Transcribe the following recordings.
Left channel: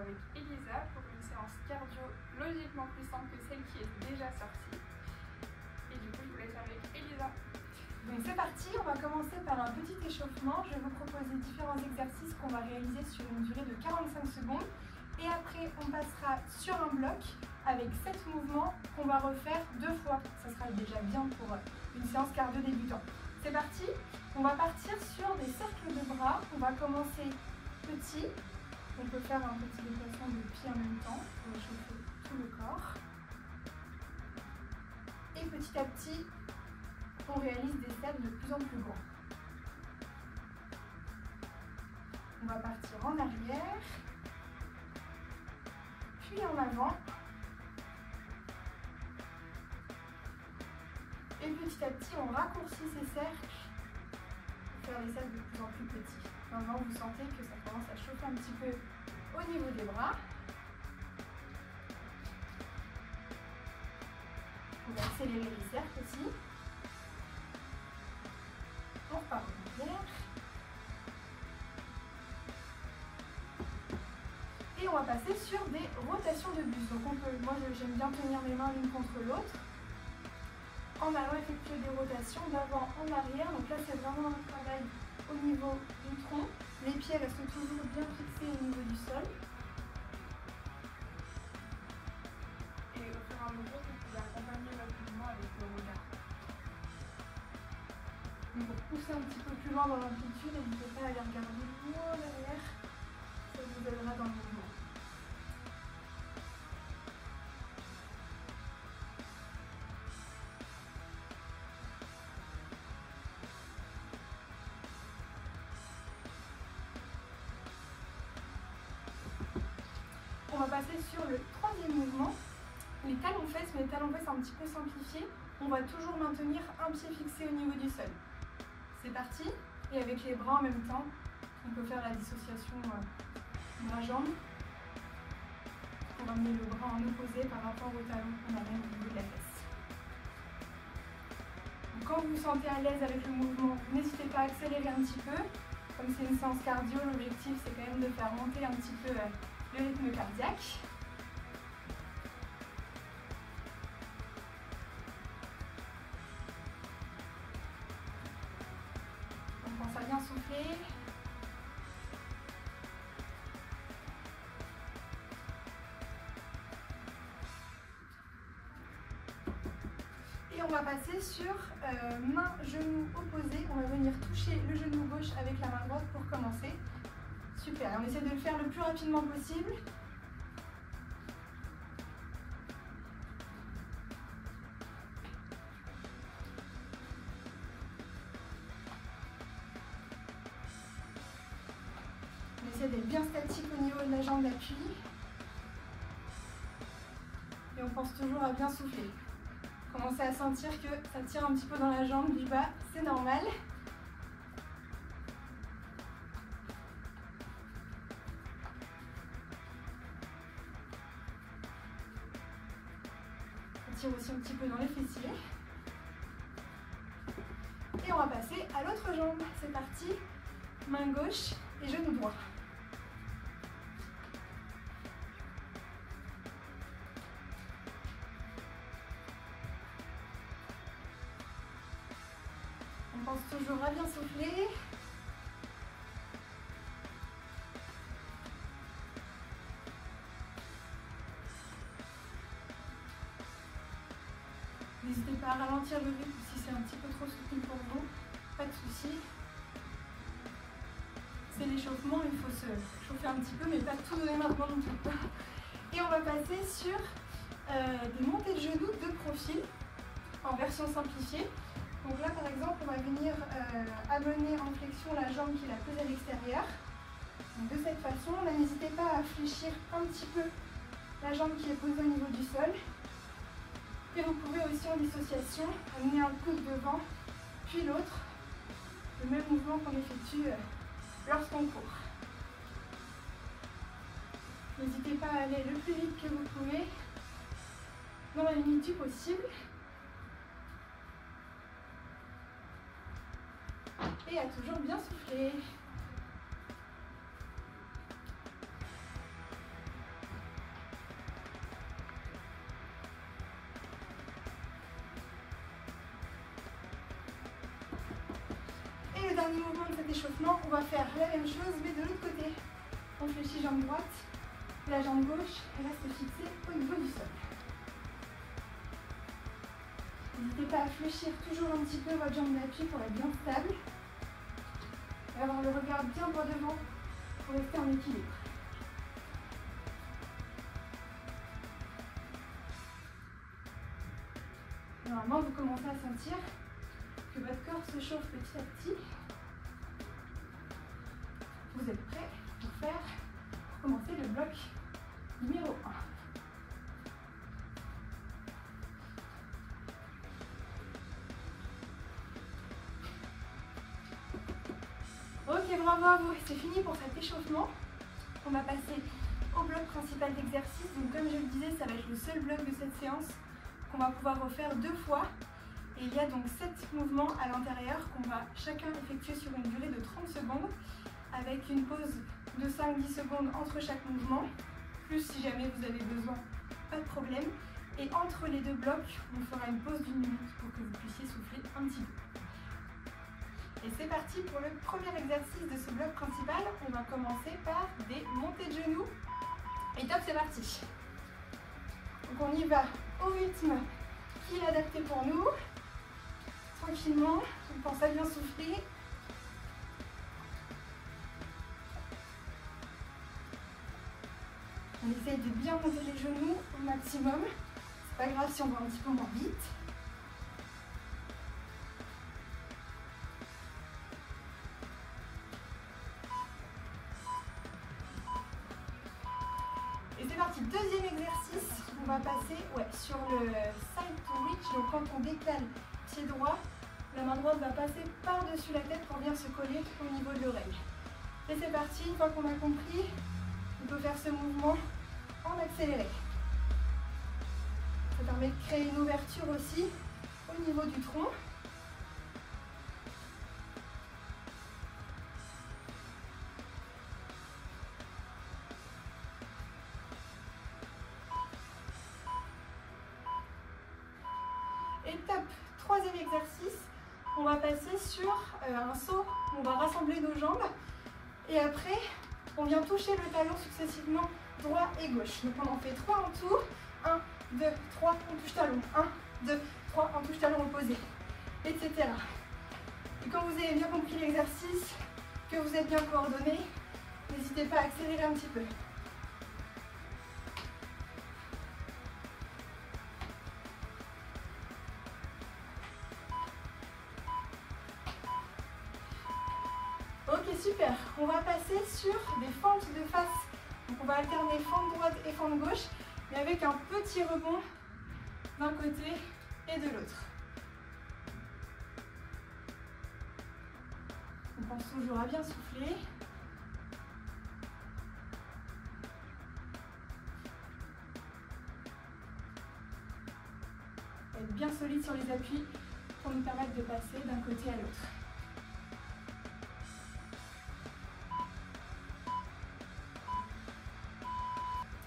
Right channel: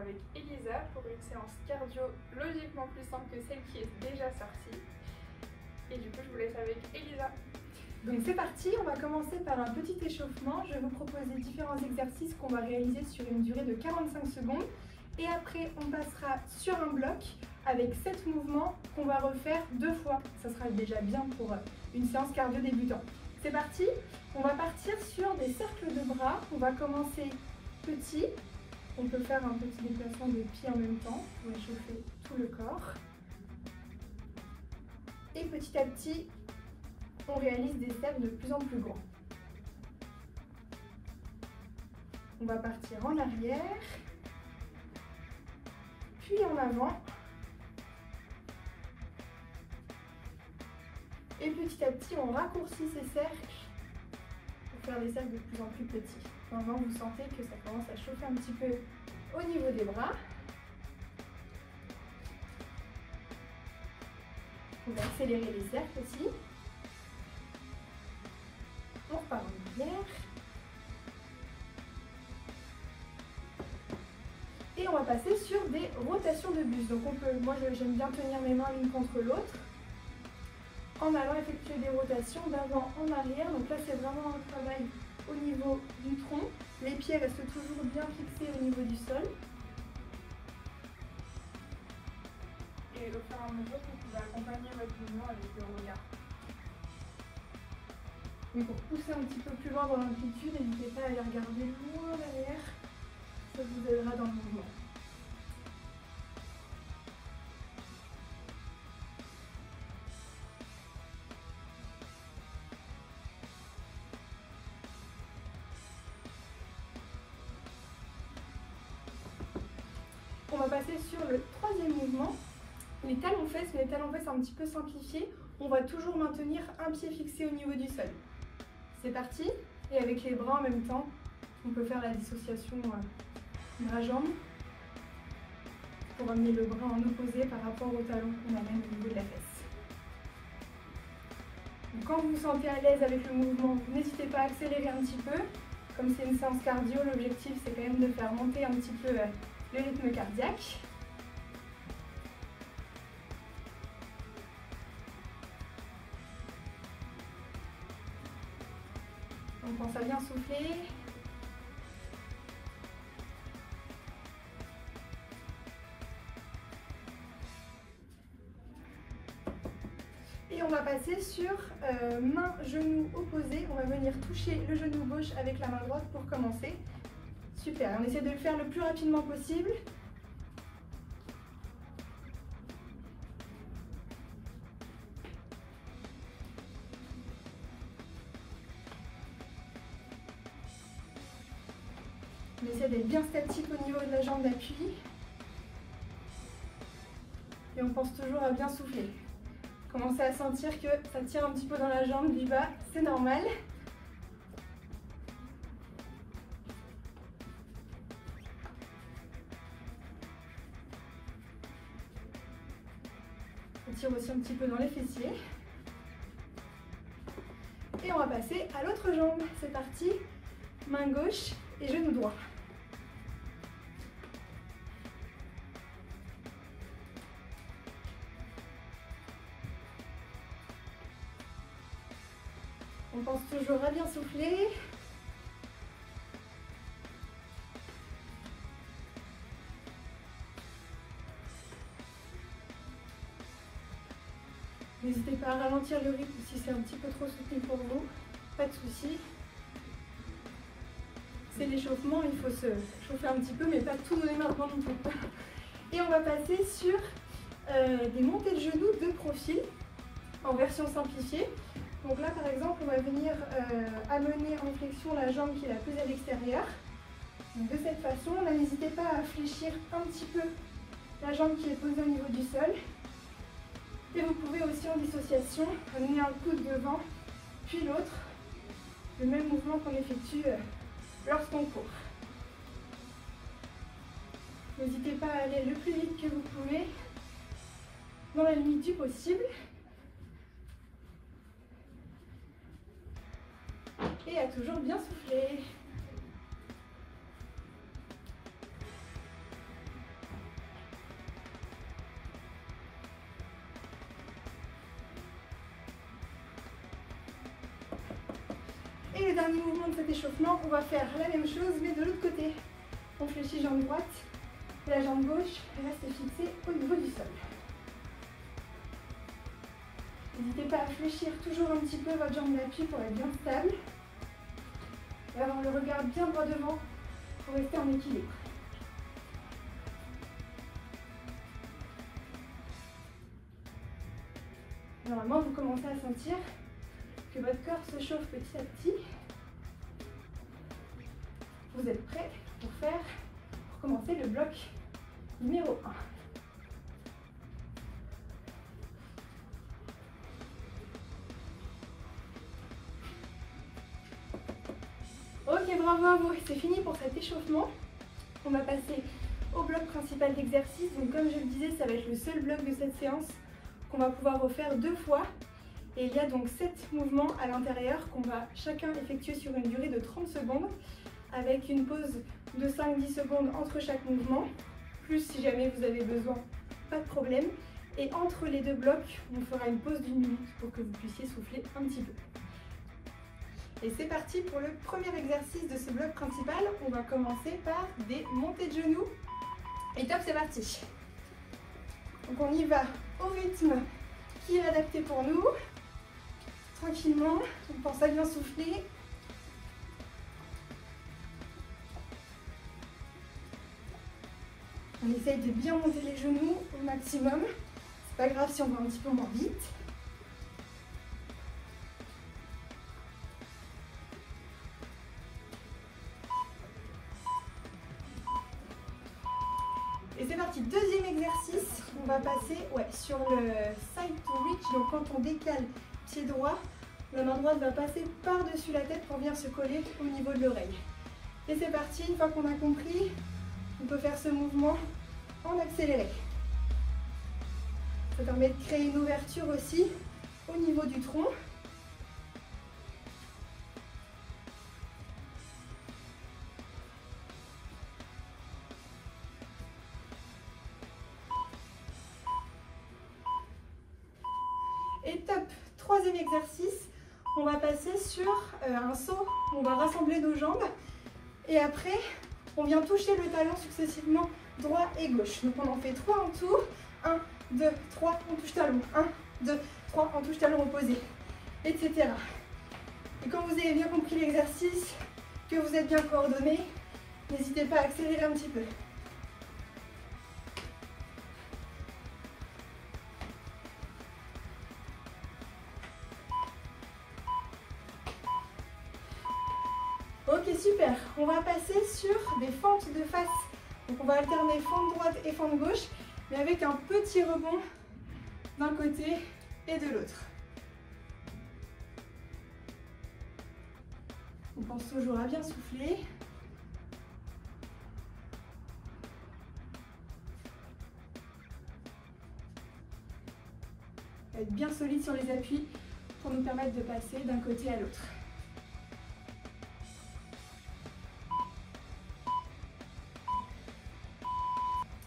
avec Elisa pour une séance cardio logiquement plus simple que celle qui est déjà sortie. Et du coup, je vous laisse avec Elisa. Donc c'est parti, on va commencer par un petit échauffement. Je vais vous proposer différents exercices qu'on va réaliser sur une durée de 45 secondes. Et après, on passera sur un bloc avec 7 mouvements qu'on va refaire 2 fois. Ça sera déjà bien pour une séance cardio débutant. C'est parti, on va partir sur des cercles de bras. On va commencer petit. On peut faire un petit déplacement de pieds en même temps pour échauffer tout le corps. Et petit à petit, on réalise des cercles de plus en plus grands. On va partir en arrière, puis en avant. Et petit à petit, on raccourcit ces cercles pour faire des cercles de plus en plus petits. Maintenant, vous sentez que ça commence à chauffer un petit peu au niveau des bras. On va accélérer les cercles aussi. On repart en arrière. Et on va passer sur des rotations de bus. Donc moi j'aime bien tenir mes mains l'une contre l'autre en allant effectuer des rotations d'avant en arrière. Donc là c'est vraiment un travail au niveau du tronc. Les pieds restent toujours bien fixés au niveau du sol. Et au fur et à mesure, vous pouvez accompagner votre mouvement avec le regard. Donc pour pousser un petit peu plus loin dans l'amplitude, n'hésitez pas à aller regarder loin derrière. Ça vous aidera dans le mouvement. On va passer sur le troisième mouvement, les talons-fesses, mais les talons-fesses un petit peu simplifiés. On va toujours maintenir un pied fixé au niveau du sol. C'est parti. Et avec les bras en même temps, on peut faire la dissociation bras-jambes pour amener le bras en opposé par rapport au talon qu'on amène au niveau de la fesse. Donc, quand vous vous sentez à l'aise avec le mouvement, n'hésitez pas à accélérer un petit peu. Comme c'est une séance cardio, l'objectif c'est quand même de faire monter un petit peu le rythme cardiaque. On pense à bien souffler. Et on va passer sur main, genou opposé. On va venir toucher le genou gauche avec la main droite pour commencer. Super, on essaie de le faire le plus rapidement possible. On essaie d'être bien statique au niveau de la jambe d'appui. Et on pense toujours à bien souffler. Commencez à sentir que ça tire un petit peu dans la jambe du bas, c'est normal. On tire aussi un petit peu dans les fessiers. Et on va passer à l'autre jambe. C'est parti. Main gauche et genou droit. On pense toujours à bien souffler. N'hésitez pas à ralentir le rythme si c'est un petit peu trop soutenu pour vous. Pas de souci. C'est l'échauffement, il faut se chauffer un petit peu, mais pas tout donner maintenant non plus. Et on va passer sur des montées de genoux de profil en version simplifiée. Donc là par exemple on va venir amener en flexion la jambe qui est la plus à l'extérieur. De cette façon, n'hésitez pas à fléchir un petit peu la jambe qui est posée au niveau du sol. Et vous pouvez aussi en dissociation amener un coude devant puis l'autre. Le même mouvement qu'on effectue lorsqu'on court. N'hésitez pas à aller le plus vite que vous pouvez dans la limite du possible. Et à toujours bien souffler. dernier mouvement de cet échauffement, on va faire la même chose mais de l'autre côté. On fléchit jambe droite, la jambe gauche reste fixée au niveau du sol. N'hésitez pas à fléchir toujours un petit peu votre jambe d'appui pour être bien stable. Et avoir le regard bien droit devant pour rester en équilibre. Normalement, vous commencez à sentir que votre corps se chauffe petit à petit. Vous êtes prêts pour commencer le bloc numéro 1. Ok, bravo à vous, c'est fini pour cet échauffement. On va passer au bloc principal d'exercice. Donc comme je le disais, ça va être le seul bloc de cette séance qu'on va pouvoir refaire 2 fois. Et il y a donc 7 mouvements à l'intérieur qu'on va chacun effectuer sur une durée de 30 secondes avec une pause de 5-10 secondes entre chaque mouvement. Plus si jamais vous avez besoin, pas de problème. Et entre les 2 blocs, on fera une pause d'1 minute pour que vous puissiez souffler un petit peu. Et c'est parti pour le premier exercice de ce bloc principal. On va commencer par des montées de genoux. Et top, c'est parti. Donc on y va au rythme qui est adapté pour nous. Tranquillement, on pense à bien souffler. On essaye de bien monter les genoux au maximum. C'est pas grave si on va un petit peu moins vite. Et c'est parti, deuxième exercice, on va passer sur le side to reach, donc quand on décale pied droit, la main droite va passer par-dessus la tête pour venir se coller au niveau de l'oreille. Et c'est parti, une fois qu'on a compris, on peut faire ce mouvement en accéléré. Ça permet de créer une ouverture aussi au niveau du tronc. Et top, troisième exercice, on va passer sur un saut, on va rassembler nos jambes et après on vient toucher le talon successivement droit et gauche. Donc on en fait 3 en tout, 1, 2, 3, on touche talon, 1, 2, 3, on touche talon opposé, etc. Et quand vous avez bien compris l'exercice, que vous êtes bien coordonné, n'hésitez pas à accélérer un petit peu. Ok, super. On va passer sur des fentes de face. Donc on va alterner fente droite et fente gauche, mais avec un petit rebond d'un côté et de l'autre. On pense toujours à bien souffler. Être bien solide sur les appuis pour nous permettre de passer d'un côté à l'autre.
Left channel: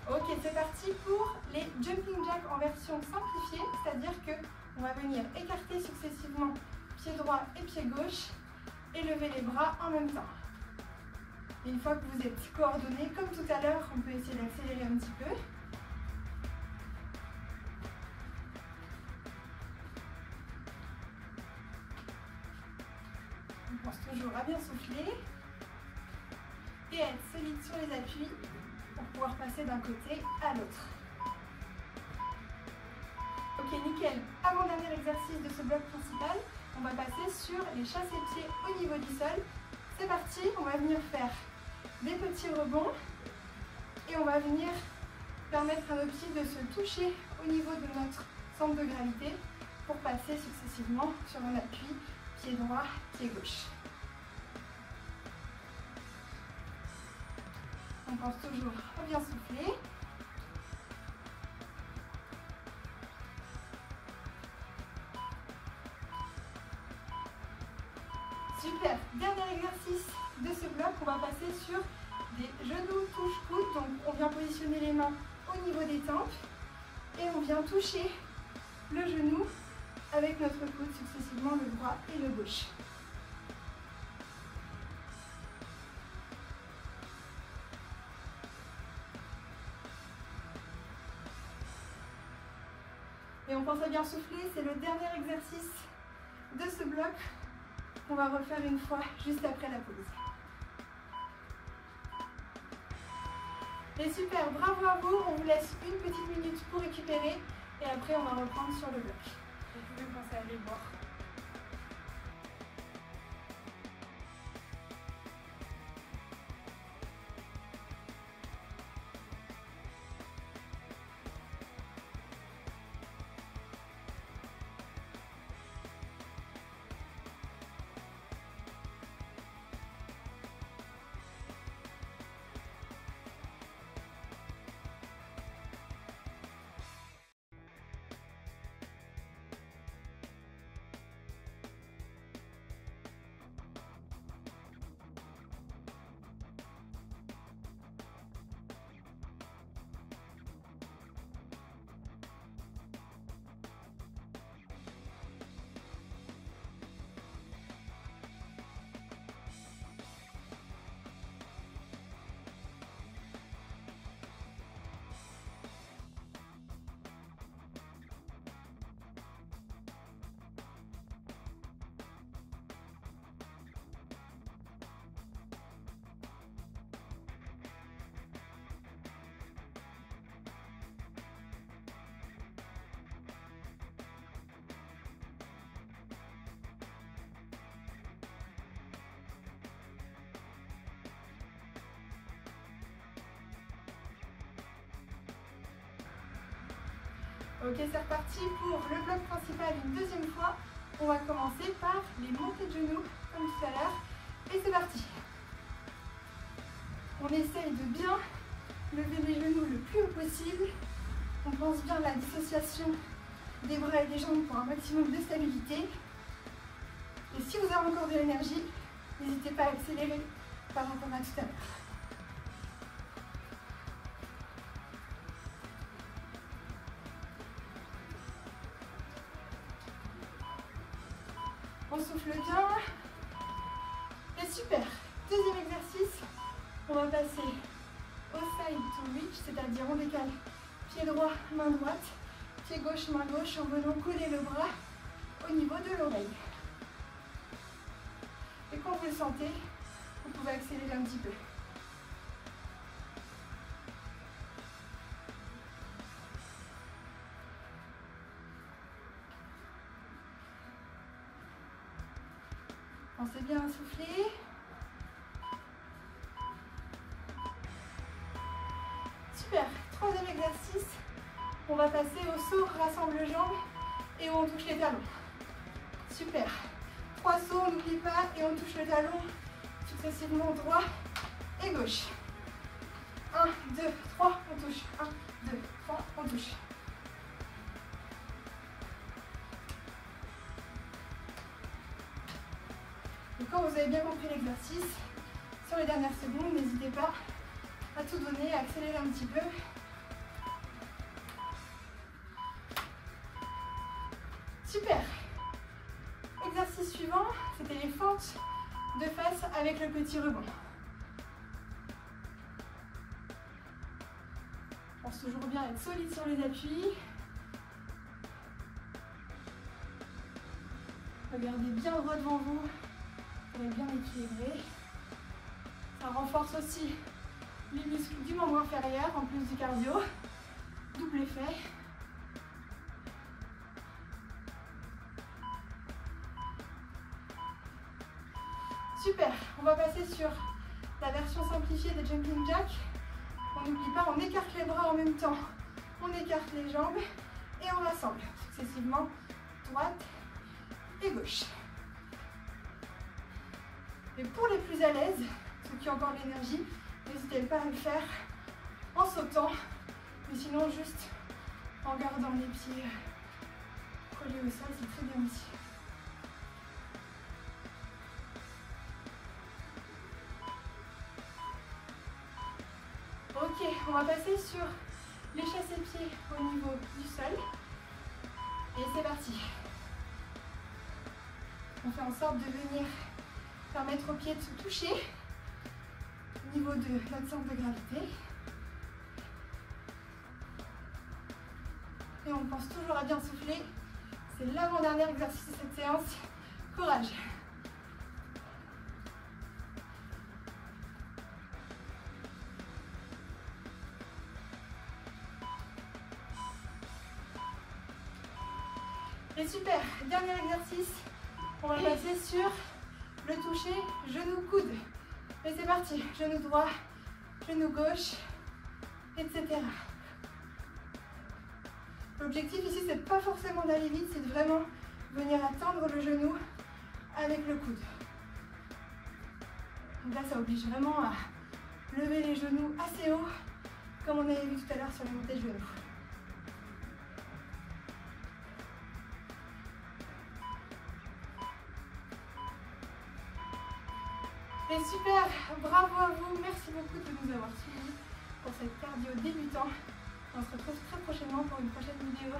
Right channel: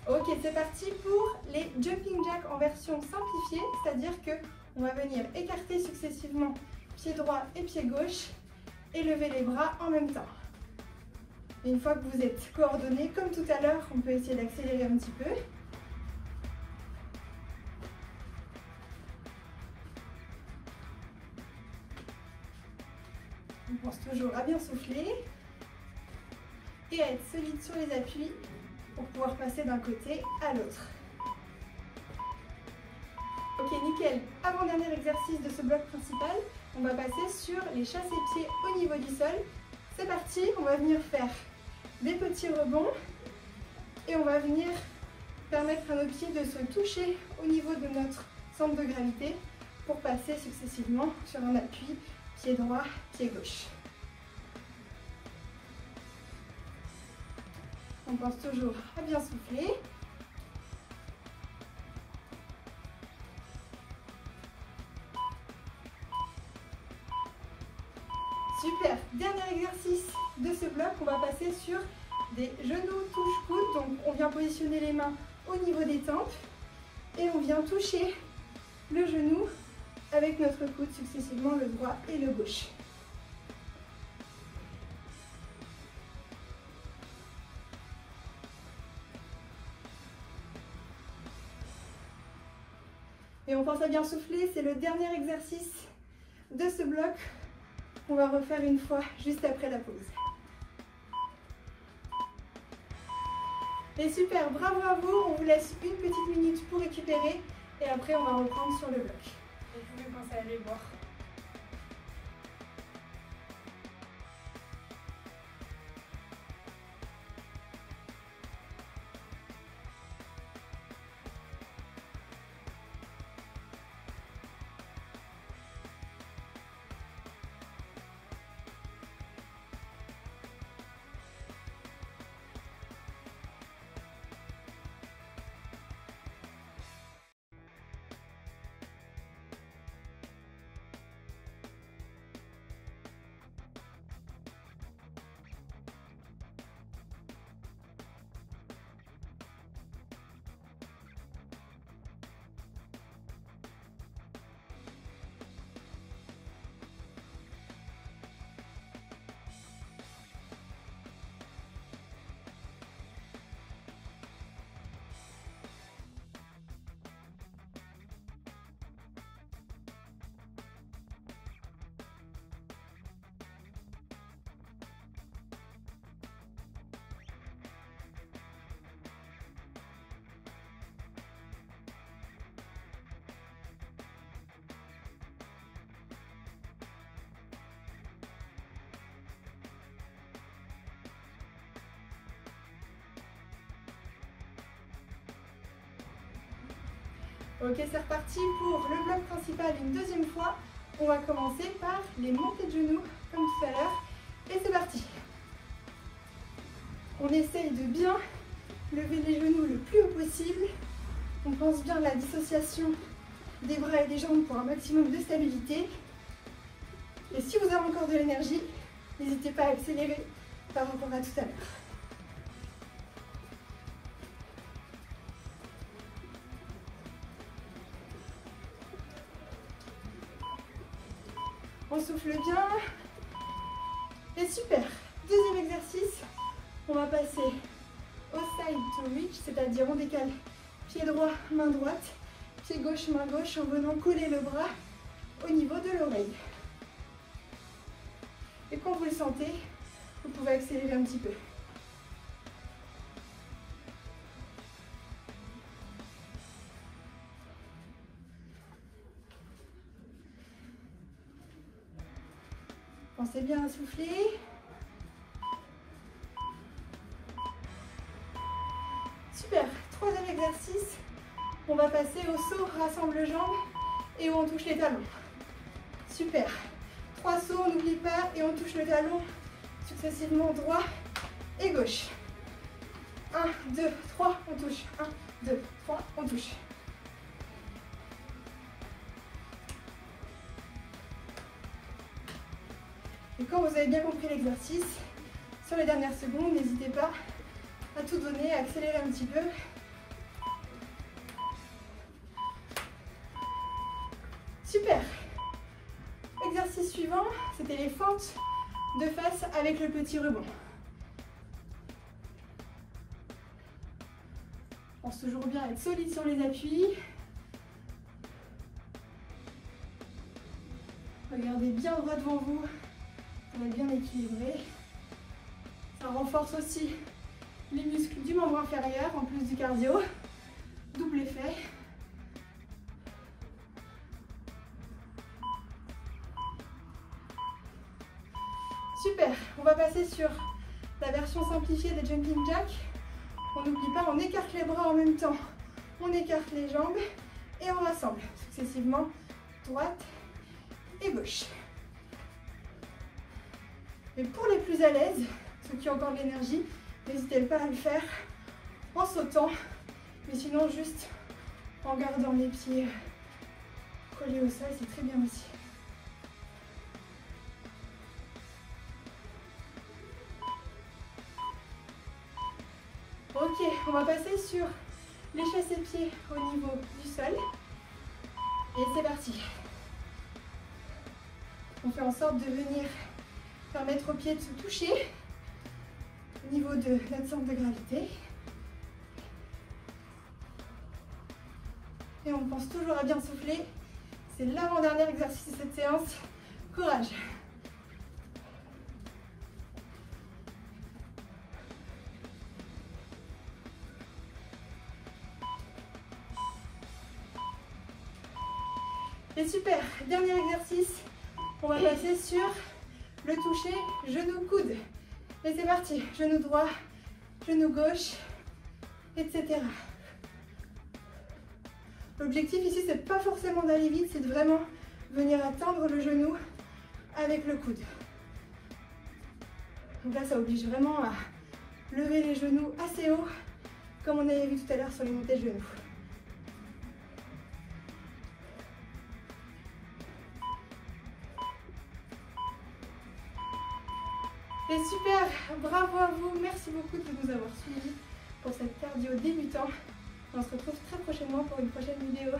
Ok, c'est parti pour les jumping jacks en version simplifiée, c'est-à-dire qu'on va venir écarter successivement pied droit et pied gauche et lever les bras en même temps. Et une fois que vous êtes coordonnés, comme tout à l'heure, on peut essayer d'accélérer un petit peu. On pense toujours à bien souffler et à être solide sur les appuis pour pouvoir passer d'un côté à l'autre. Ok, nickel. Avant-dernier exercice de ce bloc principal, on va passer sur les chassés-pieds au niveau du sol. C'est parti, on va venir faire des petits rebonds et on va venir permettre à nos pieds de se toucher au niveau de notre centre de gravité pour passer successivement sur un appui, pied droit, pied gauche. On pense toujours à bien souffler. Super. Dernier exercice de ce bloc, on va passer sur des genoux touche-coude. Donc on vient positionner les mains au niveau des tempes et on vient toucher le genou avec notre coude successivement le droit et le gauche. Et on pense à bien souffler, c'est le dernier exercice de ce bloc. On va refaire une fois juste après la pause. Et super, bravo à vous, on vous laisse une petite minute pour récupérer et après on va reprendre sur le bloc. Vous pouvez commencer à aller voir. Ok, c'est reparti pour le bloc principal une deuxième fois. On va commencer par les montées de genoux, comme tout à l'heure. Et c'est parti. On essaye de bien lever les genoux le plus haut possible. On pense bien à la dissociation des bras et des jambes pour un maximum de stabilité. Et si vous avez encore de l'énergie, n'hésitez pas à accélérer par rapport à tout à l'heure. On souffle bien. Et super. Deuxième exercice. On va passer au side to reach, c'est-à-dire on décale pied droit, main droite, pied gauche, main gauche, en venant coller le bras au niveau de l'oreille. Et quand vous le sentez, vous pouvez accélérer un petit peu. Pensez bien à souffler. Super. Troisième exercice. On va passer au saut, rassemble jambes et où on touche les talons. Super. 3 sauts, on n'oublie pas, et on touche le talon successivement droit et gauche. 1, 2, 3, on touche. 1, 2, 3, on touche. Et quand vous avez bien compris l'exercice, sur les dernières secondes, n'hésitez pas à tout donner, à accélérer un petit peu. Super. Exercice suivant, c'était les fentes de face avec le petit rebond. On pense toujours bien être solide sur les appuis. Regardez bien droit devant vous. On est bien équilibré. Ça renforce aussi les muscles du membre inférieur en plus du cardio. Double effet. Super, on va passer sur la version simplifiée des jumping jacks. On n'oublie pas, on écarte les bras en même temps. On écarte les jambes et on rassemble successivement droite et gauche. Et pour les plus à l'aise, ceux qui ont encore de l'énergie, n'hésitez pas à le faire en sautant, mais sinon juste en gardant les pieds collés au sol, c'est très bien aussi. Ok, on va passer sur les chassés-pieds au niveau du sol. Et c'est parti. On fait en sorte de venir permettre aux pieds de se toucher au niveau de notre centre de gravité. Et on pense toujours à bien souffler. C'est l'avant-dernier exercice de cette séance. Courage. Et super, dernier exercice. On va passer sur le toucher genou-coude. Et c'est parti, genou droit, genou gauche, etc. L'objectif ici, c'est pas forcément d'aller vite, c'est de vraiment venir atteindre le genou avec le coude. Donc là, ça oblige vraiment à lever les genoux assez haut, comme on avait vu tout à l'heure sur les montées de genoux. Et super, bravo à vous, merci beaucoup de nous avoir suivis pour cette cardio débutant. On se retrouve très prochainement pour une prochaine vidéo.